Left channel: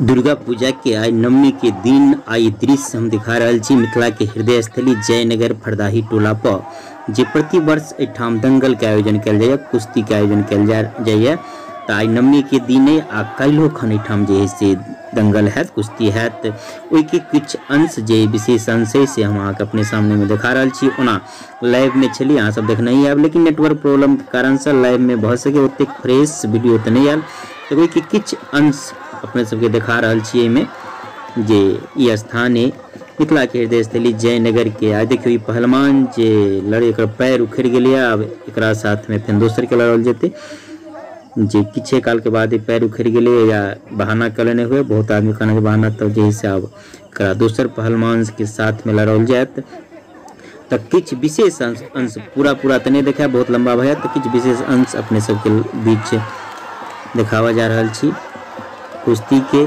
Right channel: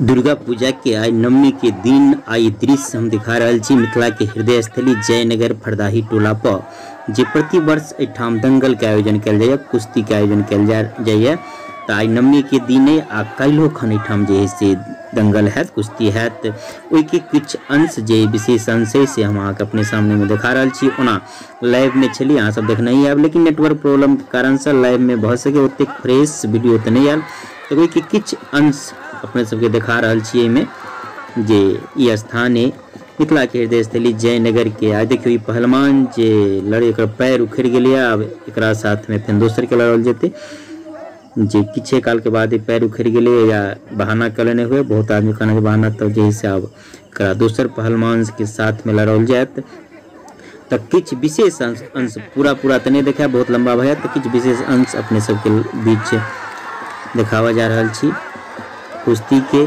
दुर्गा पूजा के आइ नवमी के दिन आई दृश्य हम दिखा रहा छी मिथिला के हृदय स्थली जयनगर फरदाही टोला पर जे प्रति वर्ष एठाम दंगल के आयोजन कल जाए, कुश्ती के आयोजन कल जाए। तो आई नवमी के दिने आ काल्हो खन एठाम जे है से दंगल है, कुश्ती है। ओहि के कुछ अंश जे विशेष अंश है से हम अहाँके अपने सामने में देखा रहा छी। ओना लाइव में छली अहाँ सब देख नहीं आब, लेकिन नेटवर्क प्रॉब्लम के कारण से लाइव में भऽ सके ओते फ्रेश वीडियो तो नहीं आयल। तो ओहि के किछ अंश अपने सबके देखा रहा छी में जे ई स्थान है मिथिला के हृदय स्थली जयनगर के। आ देखियो ई पहलवान जे लड़े एकर पैर उखड़ गेलै, अब एकरा साथ में फिर दोसर के लड़ल जेते जे किछे काल के बाद पैर उखड़ गेलै या बहाना कलने हुए। बहुत आदमी कहना के बहाना तो जे से अब एकरा दोसर पहलवान के साथ में लड़ल जात। तो किछ विशेष अंश पूरा तो नहीं देखा, बहुत लंबा भय, तो किछ विशेष अंश अपने सबके बीच देखावा जा रहा छी कुश्ती के।